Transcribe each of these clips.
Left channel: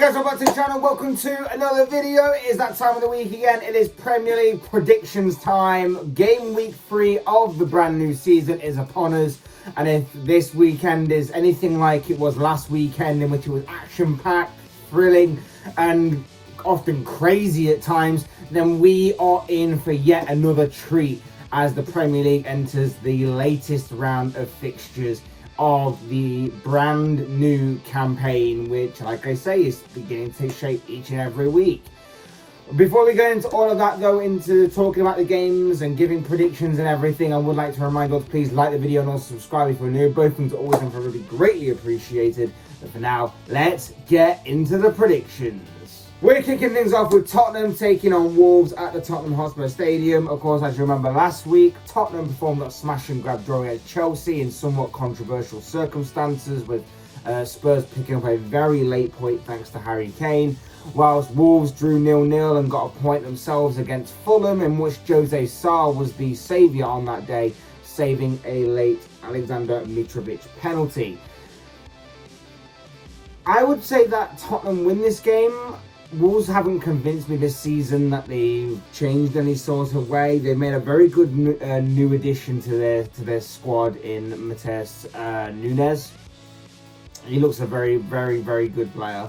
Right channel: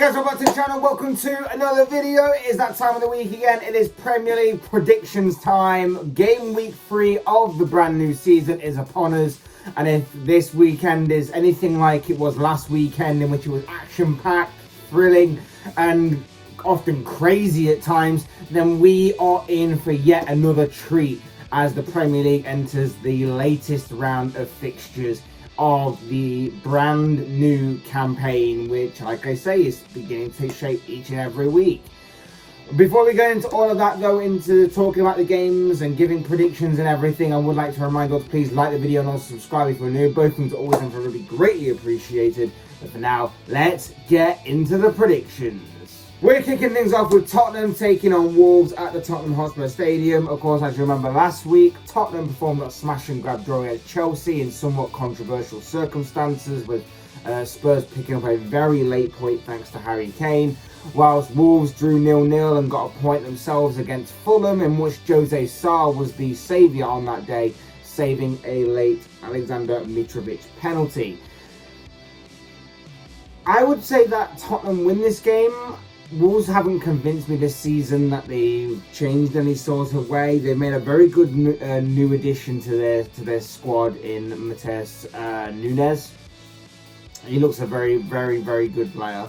guys, welcome back to the channel. Welcome to another video. It is that time of the week again. It is Premier League predictions time. Game week 3 of the brand new season is upon us. And if this weekend is anything like it was last weekend, in which it was action-packed, thrilling, and often crazy at times, then we are in for yet another treat as the Premier League enters the latest round of fixtures of the brand new campaign, which, like I say, is beginning to take shape each and every week. Before we go into all of that, though, into talking about the games and giving predictions and everything, I would like to remind you to please like the video and also subscribe if you're new. Both things are always and really greatly appreciated. But for now, let's get into the predictions. We're kicking things off with Tottenham taking on Wolves at the Tottenham Hotspur Stadium. Of course, as you remember last week, Tottenham performed a smash and grab draw against Chelsea in somewhat controversial circumstances, with Spurs picking up a very late point thanks to Harry Kane, whilst Wolves drew 0-0 and got a point themselves against Fulham, in which Jose Sarr was the saviour on that day, saving a late Alexander Mitrovic penalty. I would say that Tottenham win this game. Wolves haven't convinced me this season that they've changed any sort of way. They've made a very good new addition to their squad in Matheus Nunes. He looks a very, very, very good player.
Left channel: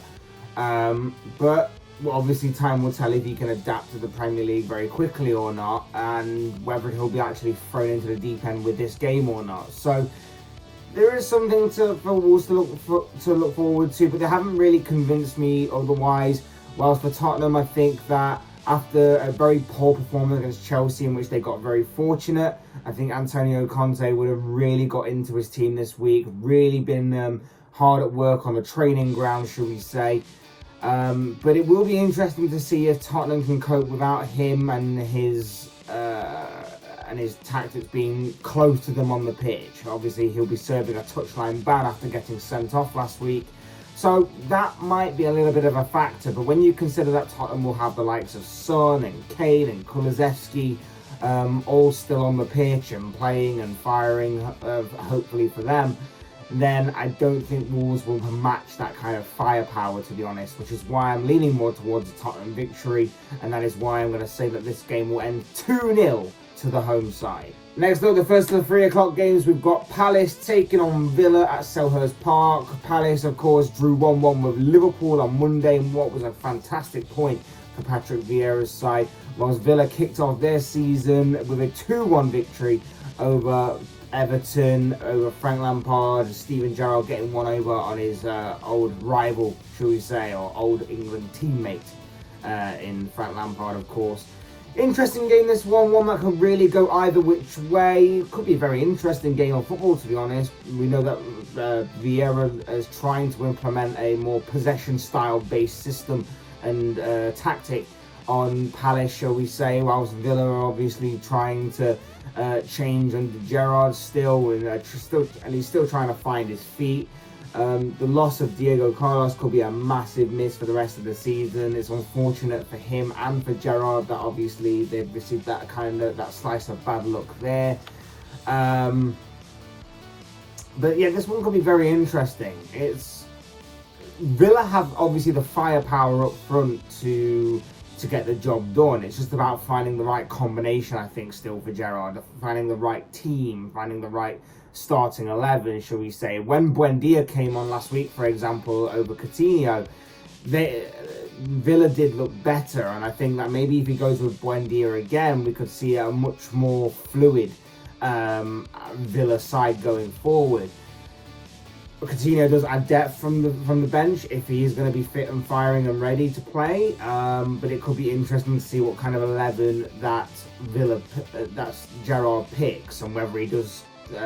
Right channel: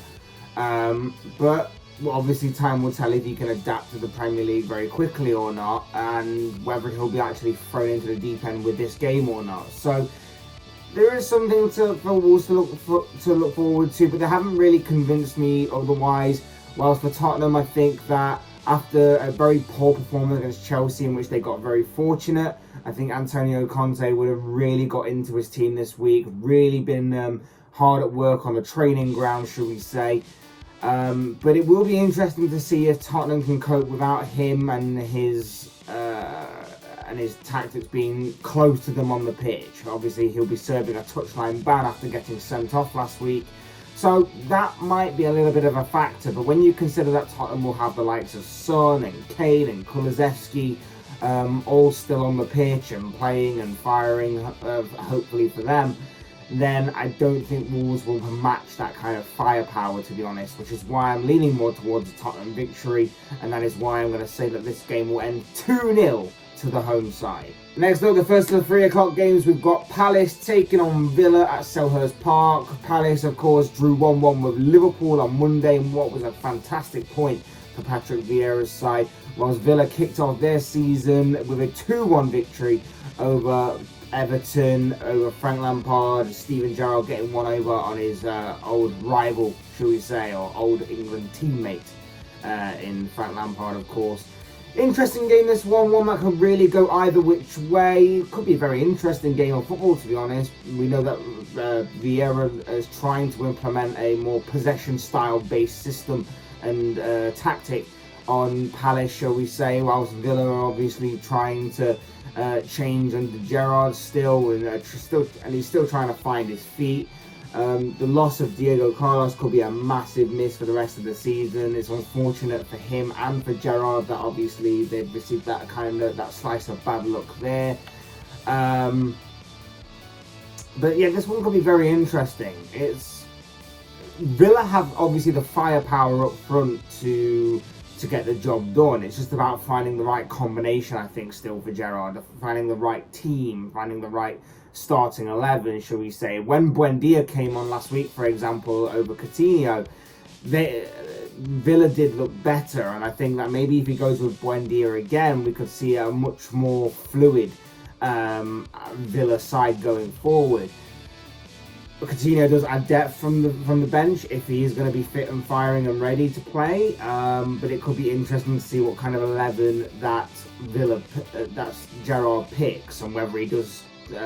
But obviously time will tell if he can adapt to the Premier League very quickly or not, and whether he'll be actually thrown into the deep end with this game or not. So there is something for Wolves to look forward to, but they haven't really convinced me otherwise. Whilst for Tottenham, I think that after a very poor performance against Chelsea, in which they got very fortunate, I think Antonio Conte would have really got into his team this week, really been hard at work on the training ground, shall we say. But it will be interesting to see if Tottenham can cope without him and his tactics being close to them on the pitch. Obviously, he'll be serving a touchline ban after getting sent off last week. So that might be a little bit of a factor, but when you consider that Tottenham will have the likes of Son and Kane and Kulusevski all still on the pitch and playing and firing, hopefully for them, then I don't think Wolves will match that kind of firepower, to be honest, which is why I'm leaning more towards a Tottenham victory, and that is why I'm going to say that this game will end 2-0 to the home side. Next up, the first of the 3 o'clock games, we've got Palace taking on Villa at Selhurst Park. Palace, of course, drew 1-1 with Liverpool on Monday in what was a fantastic point for Patrick Vieira's side, whilst Villa kicked off their season with a 2-1 victory over Everton, over Frank Lampard, Steven Gerrard getting one over on his old rival, shall we say, or old England teammate in Frank Lampard, of course. Interesting game, this one that could really go either which way. It could be a very interesting game of football, to be honest. We know that Vieira is trying to implement a more possession style based system and tactic on Palace, shall we say, whilst Villa are obviously trying to change under Gerrard still, and he's still trying to find his feet. The loss of Diego Carlos could be a massive miss for the rest of the season. It's unfortunate for him and for Gerrard that obviously they've received that slice of bad luck there. But yeah, this one could be very interesting. Villa have obviously the firepower up front to get the job done. It's just about finding the right combination, I think, still for Gerrard, finding the right team, finding the right starting 11, shall we say. When Buendia came on last week, for example, over Coutinho, Villa did look better, and I think that maybe if he goes with Buendia again, we could see a much more fluid Villa side going forward. But Coutinho does add depth from the bench if he is going to be fit and firing and ready to play. But it could be interesting to see what kind of 11 that Gerrard picks, and whether he does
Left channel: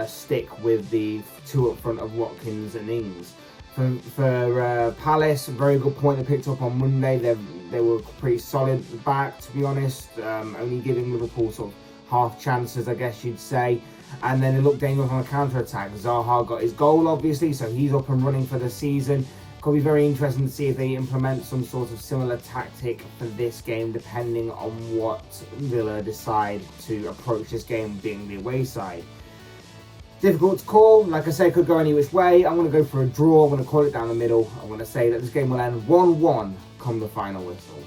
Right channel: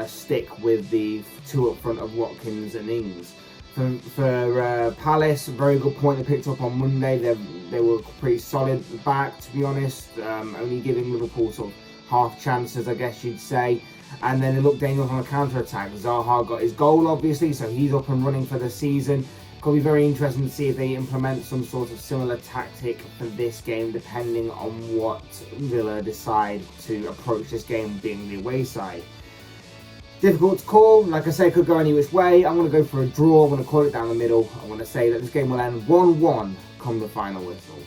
stick with the 2 up front of Watkins and Ings. For Palace, a very good point they picked up on Monday. They were pretty solid back, to be honest, only giving Liverpool sort of half chances, I guess you'd say. And then it looked dangerous on the counter-attack. Zaha got his goal, obviously, so he's up and running for the season. Could be very interesting to see if they implement some sort of similar tactic for this game, depending on what Villa decide to approach this game, being the away side. Difficult to call. Like I say, could go any which way. I'm going to go for a draw. I'm going to call it down the middle. I'm going to say that this game will end 1-1 come the final whistle.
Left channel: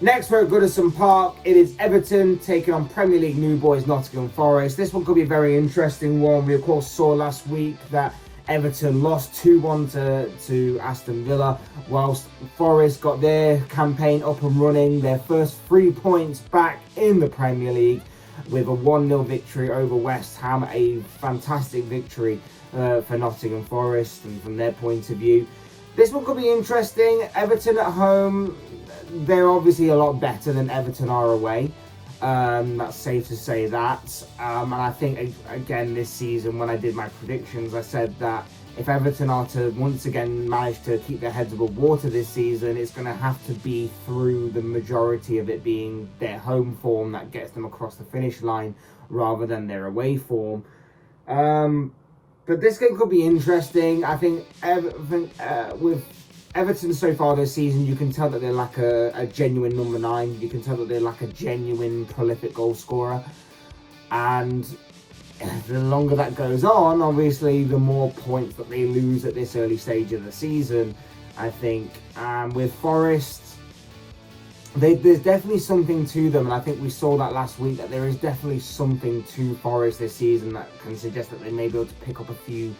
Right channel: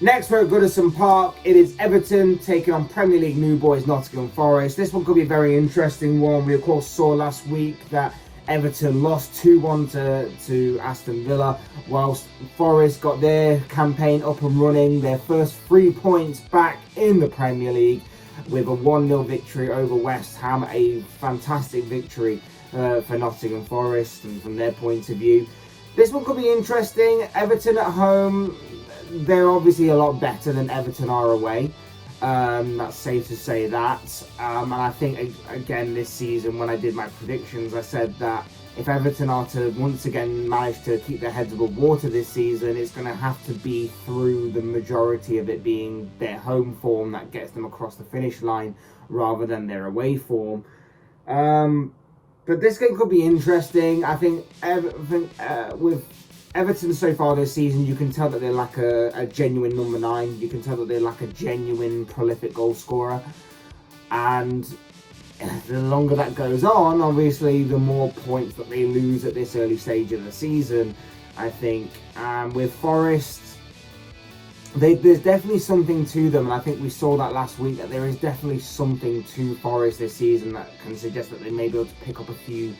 Next, we're at Goodison Park. It is Everton taking on Premier League new boys Nottingham Forest. This one could be a very interesting one. We, of course, saw last week that Everton lost 2-1 to Aston Villa, whilst Forest got their campaign up and running, their first 3 points back in the Premier League with a 1-0 victory over West Ham. A fantastic victory for Nottingham Forest, and from their point of view. This one could be interesting. Everton at home, they're obviously a lot better than Everton are away. That's safe to say that. And I think, again, this season, when I did my predictions, I said that if Everton are to once again manage to keep their heads above water this season, it's going to have to be through the majority of it being their home form that gets them across the finish line rather than their away form. But this game could be interesting. I think with Everton so far this season, you can tell that they're like a genuine number 9. You can tell that they're like a genuine prolific goal scorer. And the longer that goes on, obviously, the more points that they lose at this early stage of the season, I think. With Forest, there's definitely something to them, and I think we saw that last week, that there is definitely something to Forest this season that can suggest that they may be able to pick up a few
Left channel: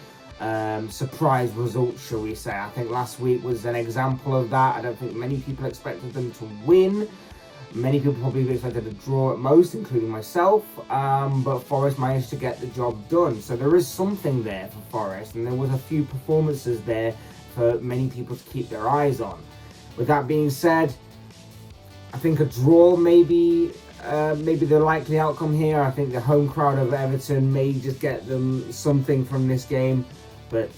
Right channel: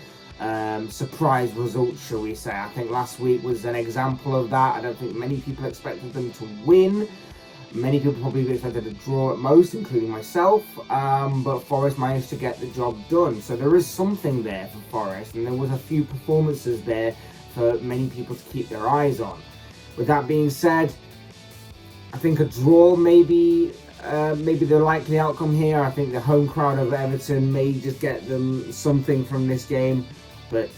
surprise results, shall we say. I think last week was an example of that. I don't think many people expected them to win. Many people probably expected a draw at most, including myself, but Forest managed to get the job done. So there is something there for Forest, and there was a few performances there for many people to keep their eyes on. With that being said, I think a draw may be the likely outcome here. I think the home crowd of Everton may just get them something from this game. But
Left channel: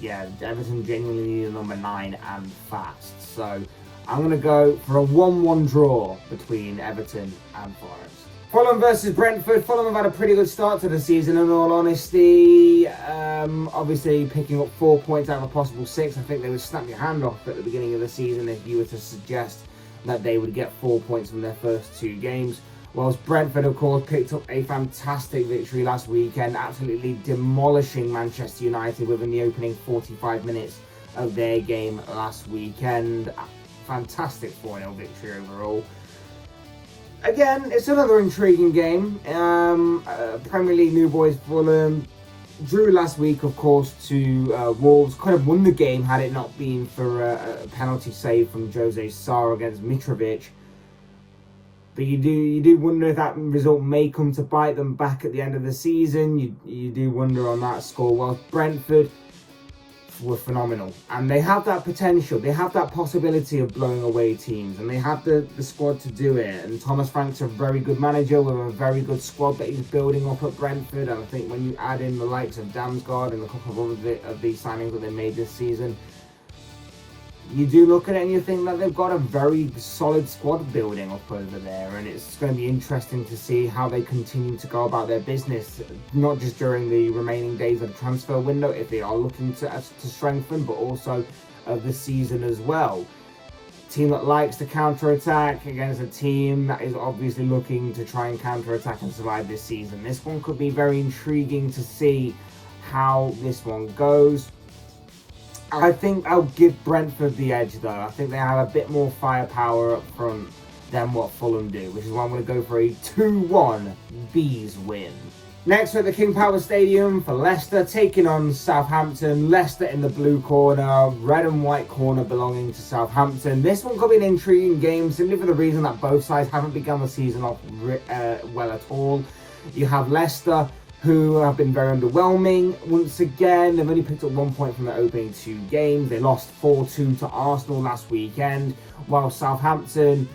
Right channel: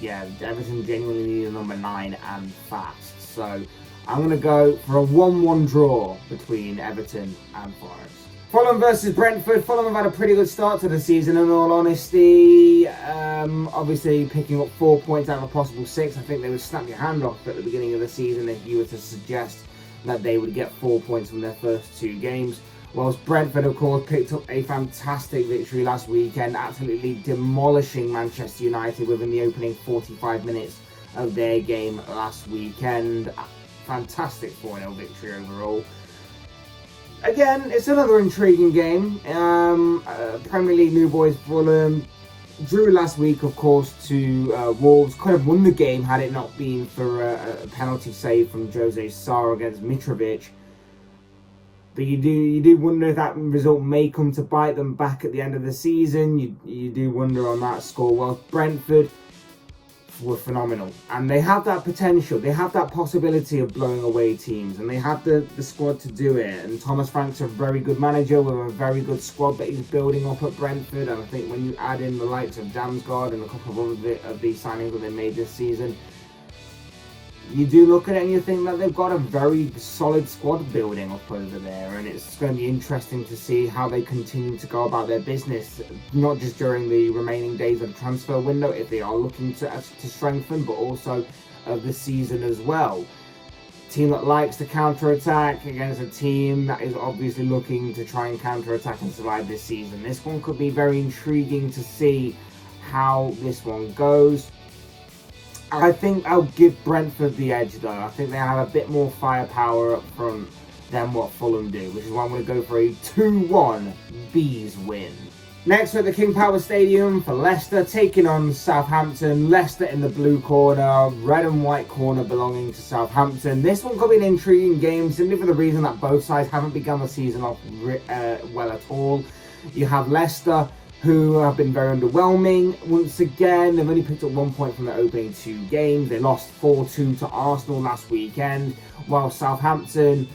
yeah, Everton genuinely need a number 9 and fast. So I'm going to go for a 1-1 draw between Everton and Forest. Fulham versus Brentford. Fulham have had a pretty good start to the season, in all honesty. Obviously picking up 4 points out of a possible 6. I think they would snap your hand off at the beginning of the season if you were to suggest that they would get 4 points from their first 2 games. Whilst Brentford, of course, picked up a fantastic victory last weekend, absolutely demolishing Manchester United within the opening 45 minutes of their game last weekend. Fantastic 4-0 victory overall. Again, it's another intriguing game. Premier League new boys Fulham drew last week, of course, to Wolves. Could have won the game had it not been for a penalty save from Jose Sarr against Mitrovic. But you do wonder if that result may come to bite them back at the end of the season. You do wonder on that score. Well, Brentford were phenomenal, and they have that potential. They have that possibility of blowing away teams, and they have the squad to do it. And Thomas Frank's a very good manager with a very good squad that he's building up at Brentford. And I think when you add in the likes of Damsgaard and a couple of these signings that they made this season, you do look at it and you think that they've got a very solid squad building up over there, and it's going to be interesting to see how they continue to go about their business, not just during the remaining days of the transfer window, if they are looking to strengthen, but also the season as well. A team that likes to counter-attack against a team that is obviously looking to try and counter-attack and survive this season. This one could be very intriguing to see how this one goes. I think I'll give Brentford the edge, though. I think they have a bit more firepower up front than what Fulham do, which is why I'm going to go for a 2-1 Bees win. Next, at the King Power Stadium for Leicester, taking on Southampton. Leicester in the blue corner, red and white corner belonging to Southampton. This one could be an intriguing game, simply for the reason that both sides haven't begun the season off well at all. You have Leicester, who have been very underwhelming. Once again, they've only picked up 1 point from their opening 2 games. They lost 4-2 to Arsenal last weekend, while Southampton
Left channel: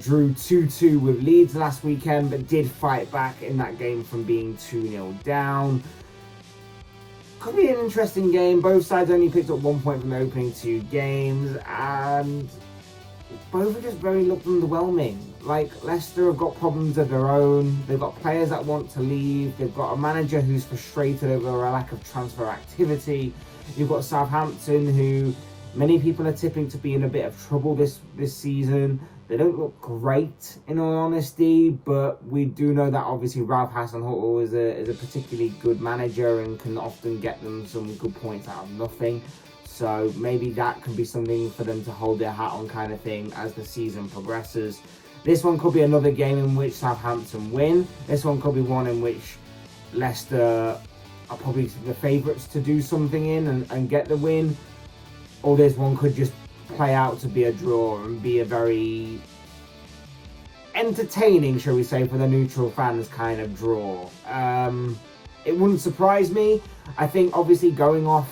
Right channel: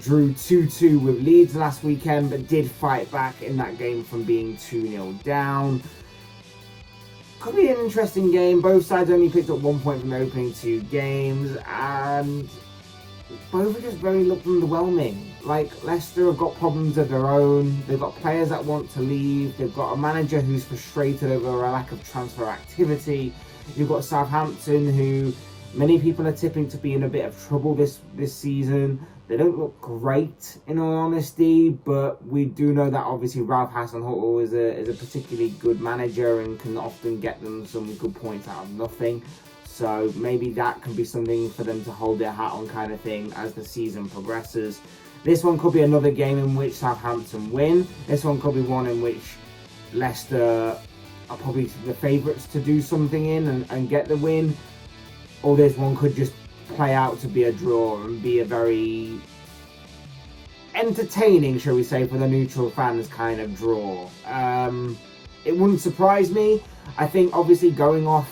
drew 2-2 with Leeds last weekend, but did fight back in that game from being 2-0 down. Could be an interesting game. Both sides only picked up 1 point from their opening 2 games, and both are just very looked underwhelming. Like, Leicester have got problems of their own. They've got players that want to leave. They've got a manager who's frustrated over a lack of transfer activity. You've got Southampton, who Many people are tipping to be in a bit of trouble this season. They don't look great, in all honesty, but we do know that obviously Ralph Hasenhuttl is a particularly good manager and can often get them some good points out of nothing. So maybe that can be something for them to hold their hat on, kind of thing, as the season progresses. This one could be another game in which Southampton win. This one could be one in which Leicester are probably the favourites to do something in and get the win. Or this one could just play out to be a draw and be a very entertaining, shall we say, for the neutral fans kind of draw. It wouldn't surprise me. I think obviously going off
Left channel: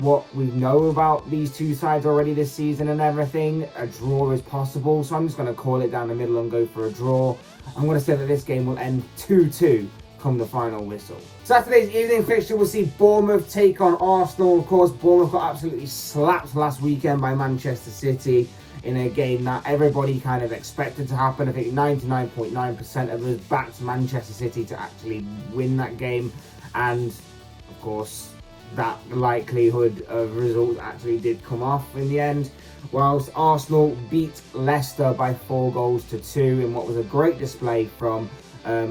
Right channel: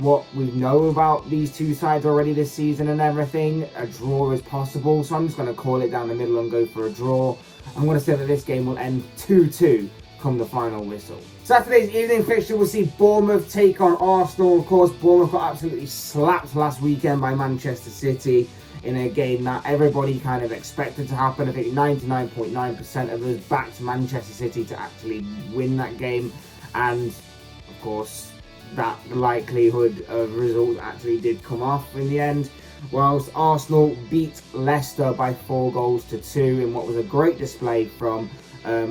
what we know about these two sides already this season and everything, a draw is possible. So I'm just going to call it down the middle and go for a draw. I'm going to say that this game will end 2-2 come the final whistle. Saturday's evening fixture will see Bournemouth take on Arsenal. Of course, Bournemouth got absolutely slapped last weekend by Manchester City in a game that everybody kind of expected to happen. I think 99.9% of us backed Manchester City to actually win that game, and of course that likelihood of result actually did come off in the end, whilst Arsenal beat Leicester by 4-2 in what was a great display from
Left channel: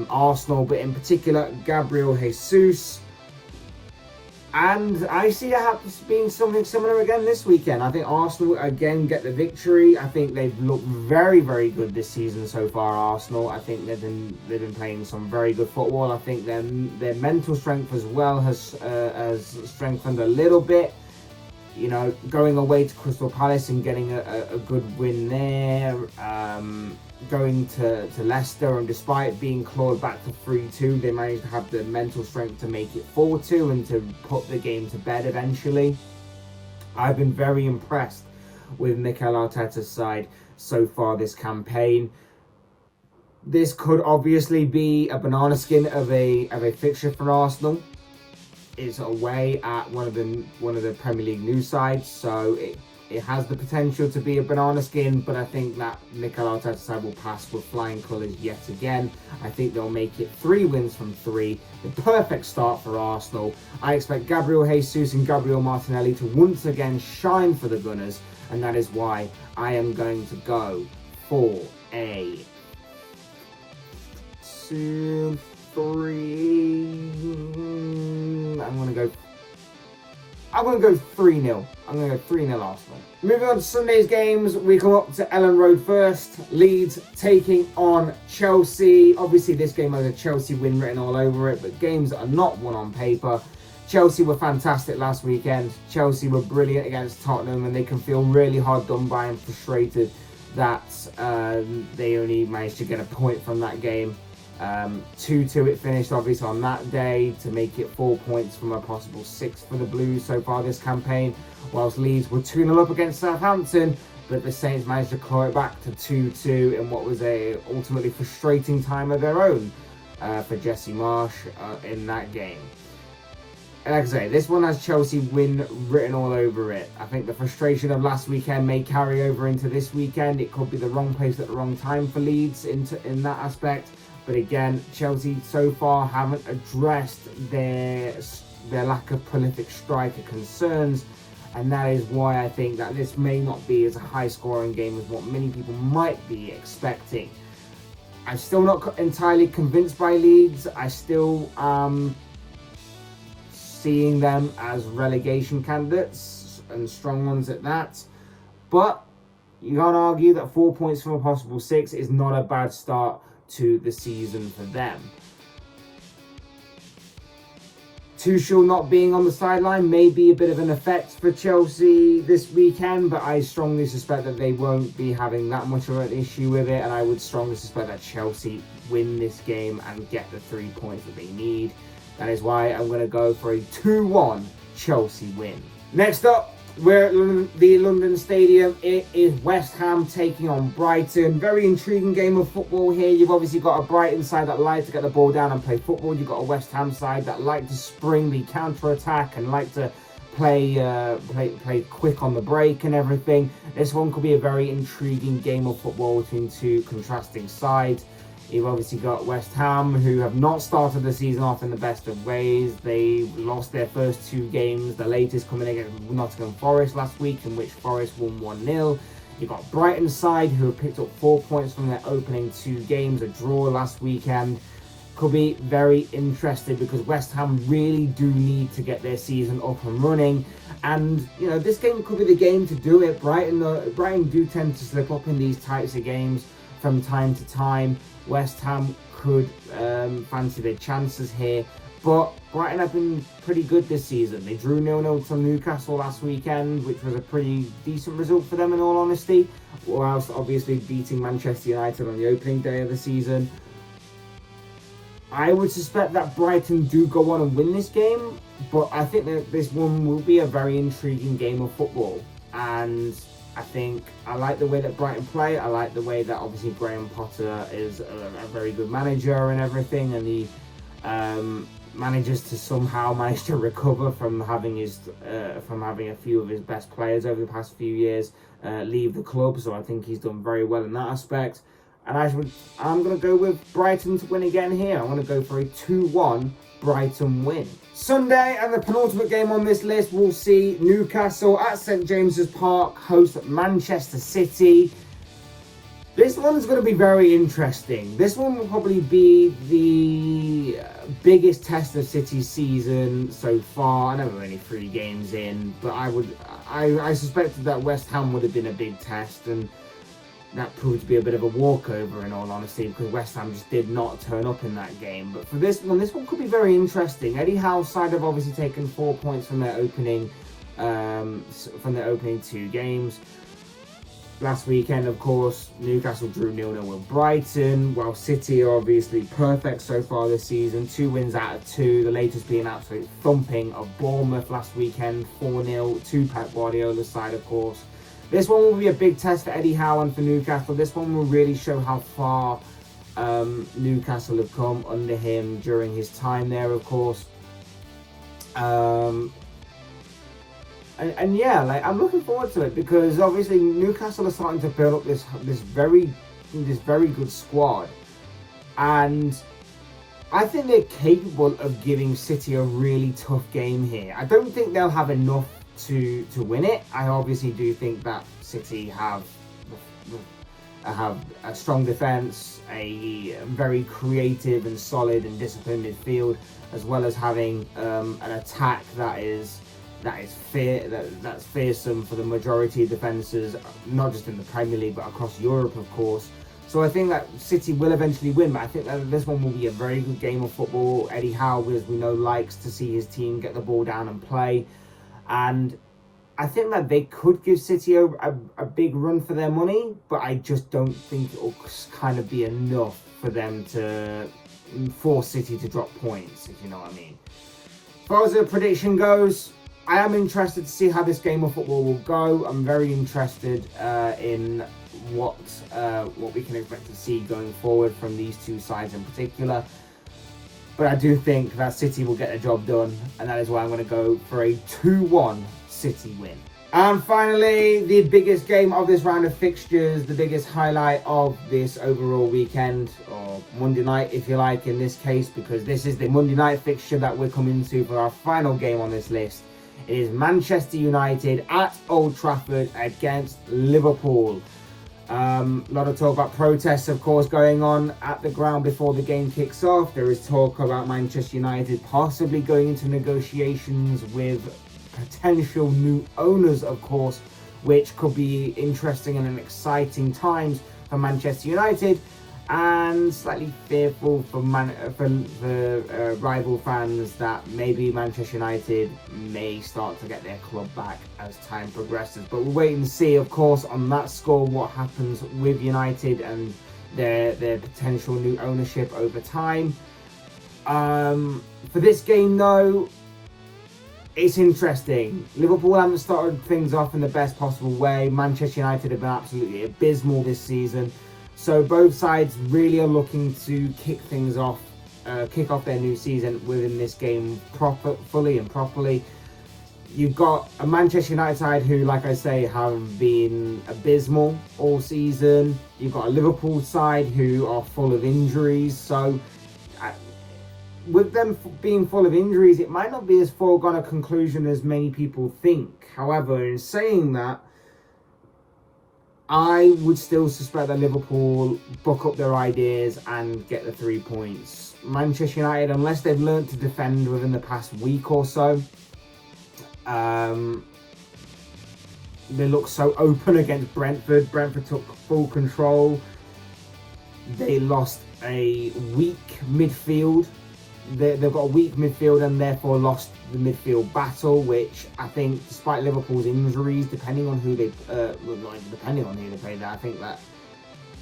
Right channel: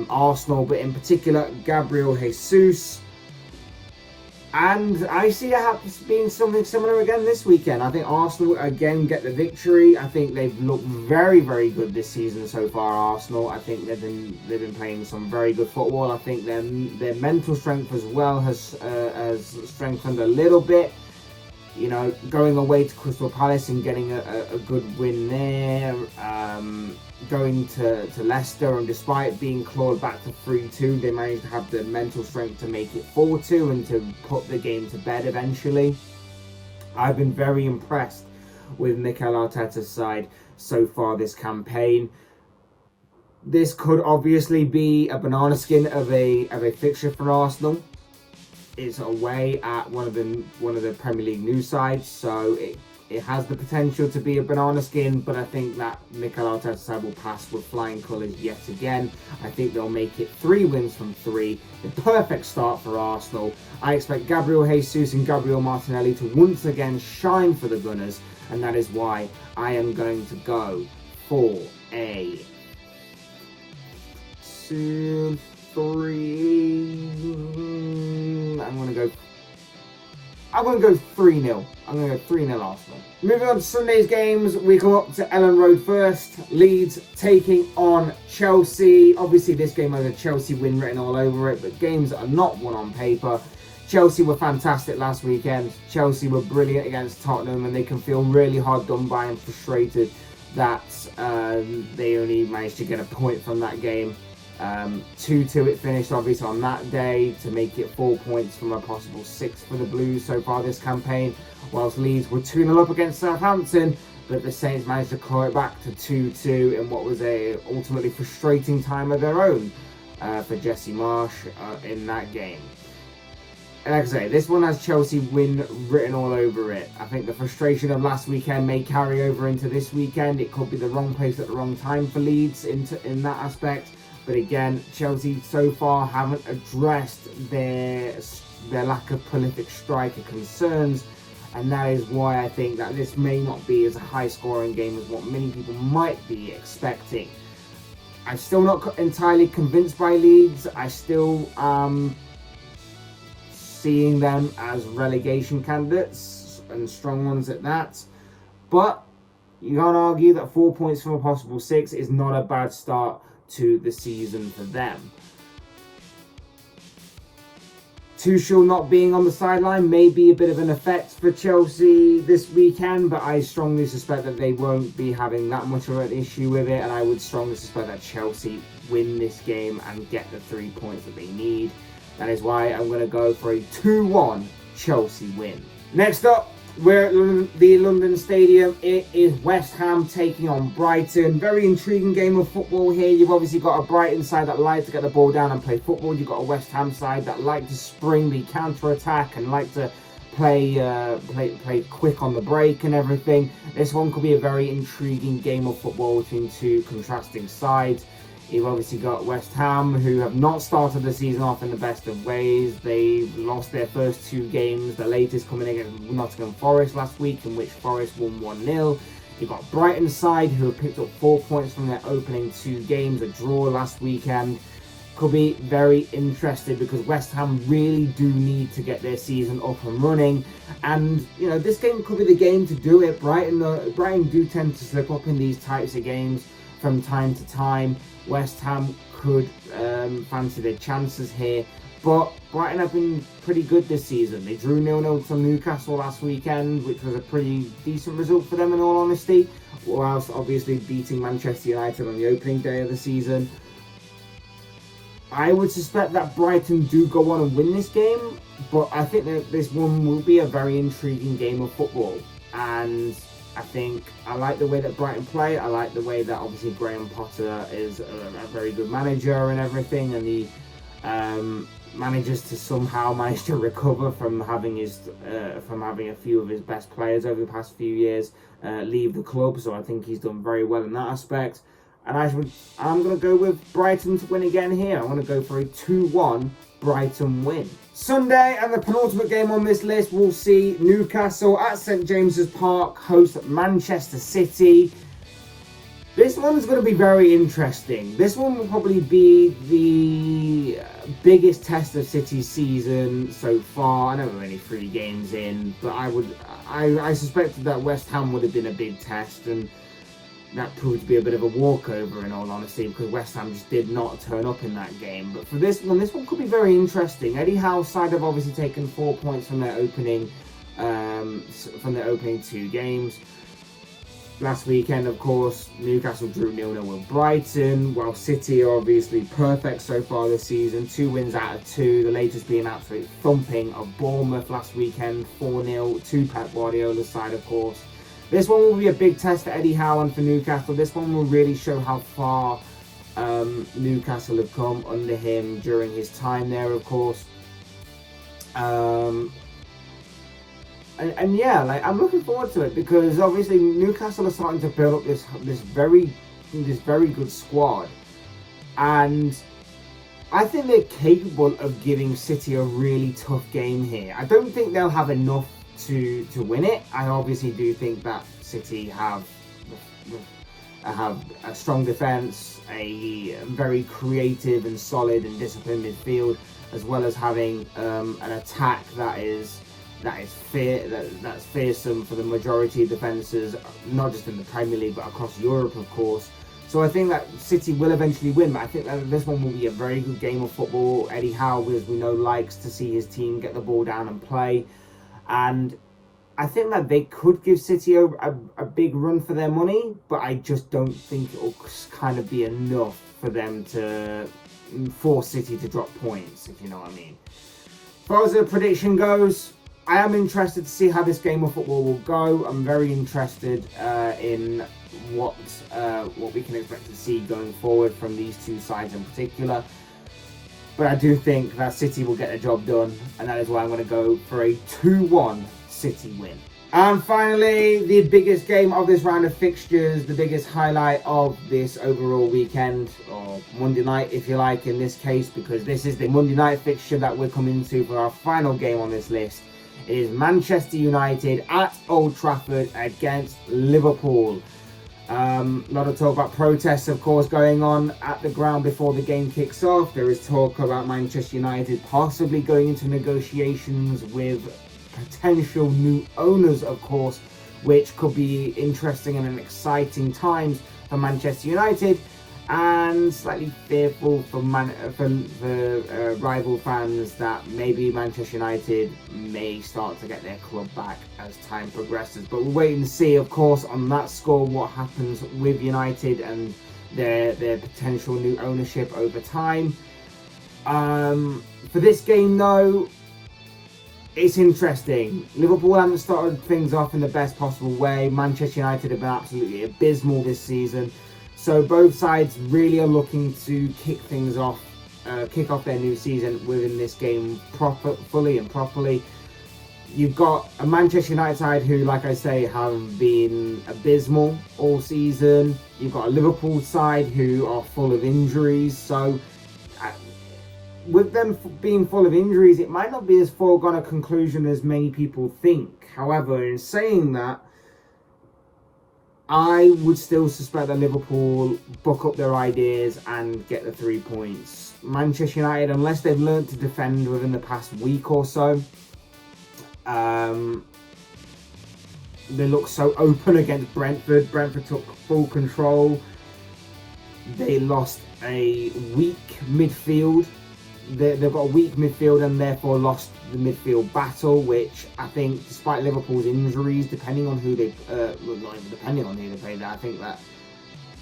Arsenal, but in particular Gabriel Jesus. And I see it being something similar again this weekend. I think Arsenal again get the victory. I think they've looked very, very good this season so far, Arsenal. I think they've been playing some very good football. I think their mental strength as well has strengthened a little bit. You know, going away to Crystal Palace and getting a good win there. Going to Leicester, and despite being clawed back to 3-2, they managed to have the mental strength to make it 4-2 and to put the game to bed eventually. I've been very impressed with Mikel Arteta's side so far this campaign. This could obviously be a banana skin of a fixture for Arsenal. It's away at one of the Premier League news sides, so it has the potential to be a banana skin, but I think that Mikel Arteta's side will pass with flying colours yet again. I think they'll make it 3 wins from 3, the perfect start for Arsenal. I expect Gabriel Jesus and Gabriel Martinelli to once again shine for the Gunners, and that is why I am going to go for a 2-3. I'm going to go 3-0. I'm going to go 3-0 Arsenal. Moving on to Sunday's games, we come up to Ellen Road first. Leeds taking on Chelsea. Obviously, this game has a Chelsea win written all over it, but games that are not won on paper. Chelsea were fantastic last weekend. Chelsea were brilliant against Tottenham, and they can feel really hard done by and frustrated that they only managed to get a point from that game. 2-2 it finished obviously on that day to make it 4 points from a possible 6 for the Blues so far this campaign, whilst Leeds were 2-0 up against Southampton, but the Saints managed to claw it back to 2-2 in what was a ultimately frustrating time of their own for Jesse Marsch in that game. Like I say, this one has Chelsea win written all over it. I think the frustration of last weekend may carry over into this weekend. It could be the wrong place at the wrong time for Leeds in that aspect. But again, Chelsea so far haven't addressed their lack of prolific striker concerns, and that is why I think that this may not be as a high-scoring game as what many people might be expecting. I'm still not entirely convinced by Leeds. I still seeing them as relegation candidates, and strong ones at that. But you can't argue that 4 points from a possible 6 is not a bad start to the season for them. Tuchel not being on the sideline may be a bit of an effect for Chelsea this weekend, but I strongly suspect that they won't be having that much of an issue with it, and I would strongly suspect that Chelsea win this game and get the 3 points that they need. That is why I'm going to go for a 2-1 Chelsea win. Next up, we're at the London Stadium. It is West Ham taking on Brighton. Very intriguing game of football here. You've obviously got a Brighton side that like to get the ball down and play football. You've got a West Ham side that like to spring the counter-attack and like to play quick on the break and everything. This one could be a very intriguing game of football between two contrasting sides. You've obviously got West Ham, who have not started the season off in the best of ways. They lost their first 2 games, the latest coming against Nottingham Forest last week, in which Forest won 1-0. You've got Brighton's side, who have picked up 4 points from their opening 2 games, a draw last weekend. Could be very interested because West Ham really do need to get their season up and running. And, you know, this game could be the game to do it. Brighton do tend to slip up in these types of games from time to time. West Ham could fancy their chances here. But Brighton have been pretty good this season. They drew 0-0 to Newcastle last weekend, which was a pretty decent result for them in all honesty. Whilst obviously beating Manchester United on the opening day of the season. I would suspect that Brighton do go on and win this game. But I think that this one will be a very intriguing game of football. And I like the way that Brighton play. I like the way that obviously Graham Potter is a very good manager and everything, and he manages to somehow manage to recover from having a few of his best players over the past few years leave the club. So I think he's done very well in that aspect. And I'm going to go with Brighton to win again here. I'm going to go for a 2-1 Brighton win. Sunday, and the penultimate game on this list, we'll see Newcastle at St James's Park host Manchester City. This one's going to be very interesting. This one will probably be the biggest test of City's season so far. I know we're only 3 games in, but I suspected that West Ham would have been a big test, and that proved to be a bit of a walkover in all honesty, because West Ham just did not turn up in that game. But for this one could be very interesting. Eddie Howe's side have obviously taken 4 points from their opening 2 games. Last weekend, of course, Newcastle drew 0-0 with Brighton, while City are obviously perfect so far this season. 2 wins out of 2, the latest being an absolute thumping of Bournemouth last weekend, 4-0 to Pep Guardiola's side, of course. This one will be a big test for Eddie Howe and for Newcastle. This one will really show how far Newcastle have come under him during his time there, of course. And yeah, I'm looking forward to it, because obviously Newcastle are starting to build up this very good squad, and I think they're capable of giving City a really tough game here. I don't think they'll have enough to win it. I obviously do think that City have a strong defence, a very creative and solid and disciplined midfield, as well as having an attack that's fearsome for the majority of defences, not just in the Premier League but across Europe, of course. So I think that City will eventually win, but I think that this one will be a very good game of football. Eddie Howe, as we know, likes to see his team get the ball down and play. And I think that they could give City a big run for their money, but I just don't think it will kind of be enough for them to force City to drop points, if you know what I mean. As far as the prediction goes, I am interested to see how this game of football will go. I'm very interested in what we can expect to see going forward from these 2 sides in particular. But I do think that City will get the job done, and that is why I'm going to go for a 2-1 City win. And finally, the biggest game of this round of fixtures, the biggest highlight of this overall weekend, or Monday night if you like in this case, because this is the Monday night fixture that we're coming to for our final game on this list. It is Manchester United at Old Trafford against Liverpool. A lot of talk about protests, of course, going on at the ground before the game kicks off. There is talk about Manchester United possibly going into negotiations with potential new owners, of course, which could be interesting and an exciting times for Manchester United, and slightly fearful for rival fans that maybe Manchester United may start to get their club back as time progresses. But we'll wait and see, of course, on that score what happens with United and their potential new ownership over time. For this game, though, it's interesting. Liverpool haven't started things off in the best possible way. Manchester United have been absolutely abysmal this season. So both sides really are looking to kick off their new season within this game fully and properly. You've got a Manchester United side who, like I say, have been abysmal all season. You've got a Liverpool side who are full of injuries. So, with them being full of injuries, it might not be as foregone a conclusion as many people think. However, in saying that, I would still suspect that Liverpool buck up their ideas and get the 3 points. Manchester United, unless they've learned to defend within the past week or so, they look so open against Brentford. Brentford took full control. They lost a weak midfield. They've got a weak midfield and therefore lost the midfield battle, which I think, despite Liverpool's injuries, depending on who they play there, I think that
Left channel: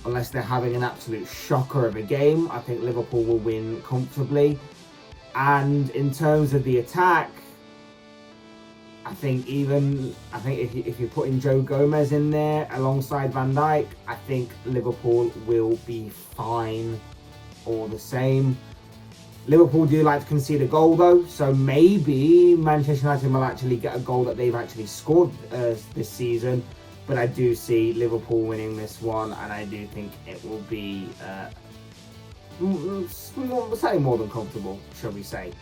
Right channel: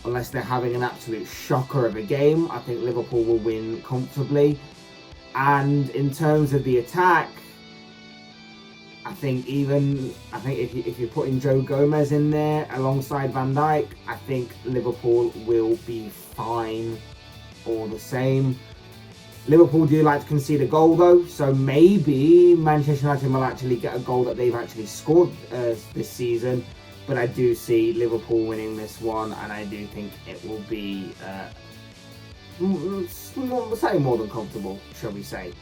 unless they're having an absolute shocker of a game, I think Liverpool will win comfortably. And in terms of the attack, I think if you're putting Joe Gomez in there alongside Van Dijk, I think Liverpool will be fine all the same. Liverpool do like to concede a goal though, so maybe Manchester United will actually get a goal that they've actually scored this season. But I do see Liverpool winning this one, and I do think it will be slightly more than comfortable, shall we say,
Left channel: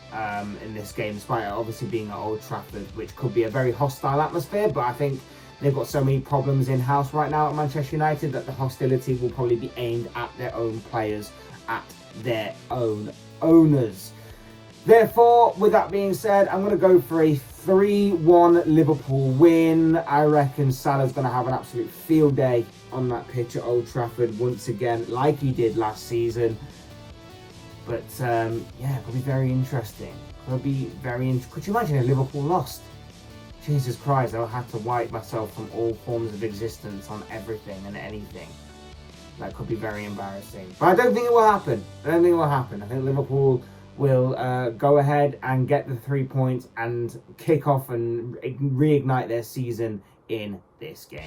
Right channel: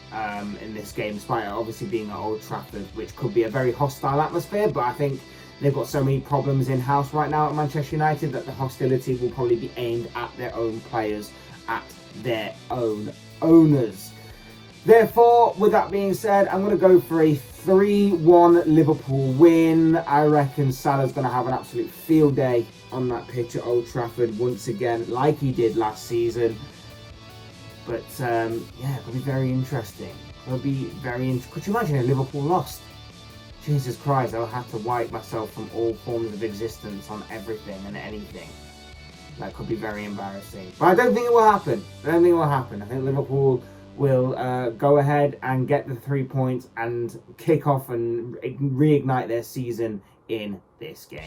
in this game, despite it obviously being at Old Trafford, which could be a very hostile atmosphere. But I think they've got so many problems in-house right now at Manchester United that the hostility will probably be aimed at their own players, at their own owners. Therefore, with that being said, I'm going to go for a 3-1 Liverpool win. I reckon Salah's going to have an absolute field day on that pitch at Old Trafford once again, like he did last season. But yeah, it'll be very interesting. Could you imagine if Liverpool lost? Jesus Christ, I'll have to wipe myself from all forms of existence on everything and anything. That could be very embarrassing. But I don't think it will happen. I think Liverpool will go ahead and get the 3 points and kick off and reignite their season in this game.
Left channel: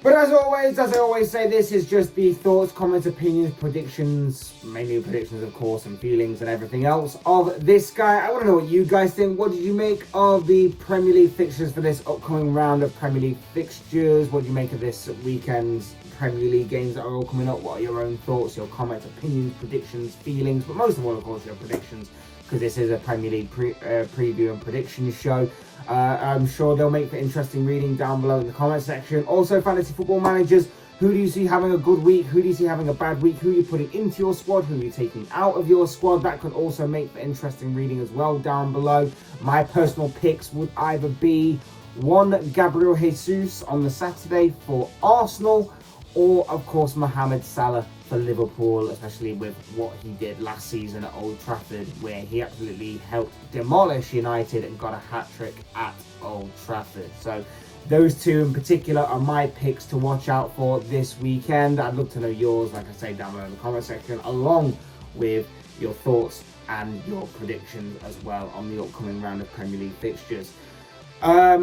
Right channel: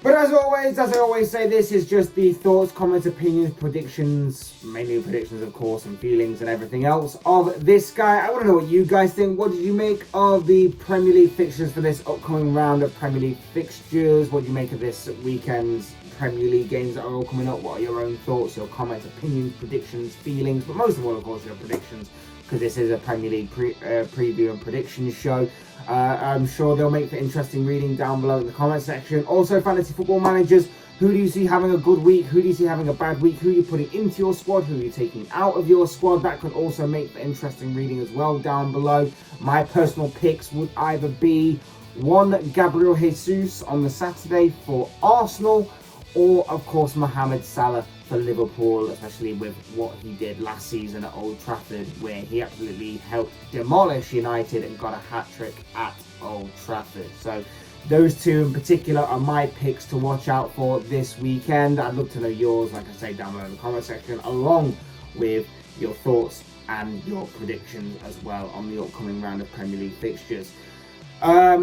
But as always, as I always say, this is just the thoughts, comments, opinions, predictions, mainly predictions of course, and feelings and everything else of this guy. I want to know what you guys think. What did you make of the Premier League fixtures for this upcoming round of Premier League fixtures? What do you make of this weekend's Premier League games that are all coming up? What are your own thoughts, your comments, opinions, predictions, feelings, but most of all, of course, your predictions, because this is a Premier League preview and prediction show. I'm sure they'll make for interesting reading down below in the comment section. Also, fantasy football managers, who do you see having a good week? Who do you see having a bad week? Who are you putting into your squad? Who are you taking out of your squad? That could also make for interesting reading as well down below. My personal picks would either be one Gabriel Jesus on the Saturday for Arsenal, or of course Mohamed Salah for Liverpool, especially with what he did last season at Old Trafford, where he absolutely helped demolish United and got a hat-trick at Old Trafford. So those two in particular are my picks to watch out for this weekend. I'd love to know yours, like I say, down below in the comment section, along with your thoughts and your predictions as well on the upcoming round of Premier League fixtures.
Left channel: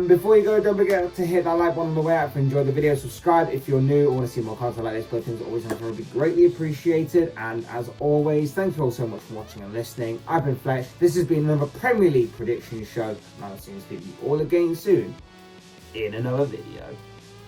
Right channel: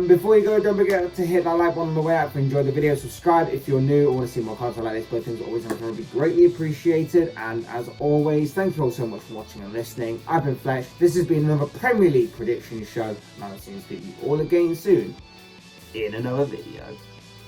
Before you go, don't forget to hit that like button on the way out if you enjoyed the video. Subscribe if you're new or want to see more content like this. Both things always would be greatly appreciated. And as always, thank you all so much for watching and listening. I've been Fletch. This has been another Premier League prediction show. And I'll see you all again soon in another video.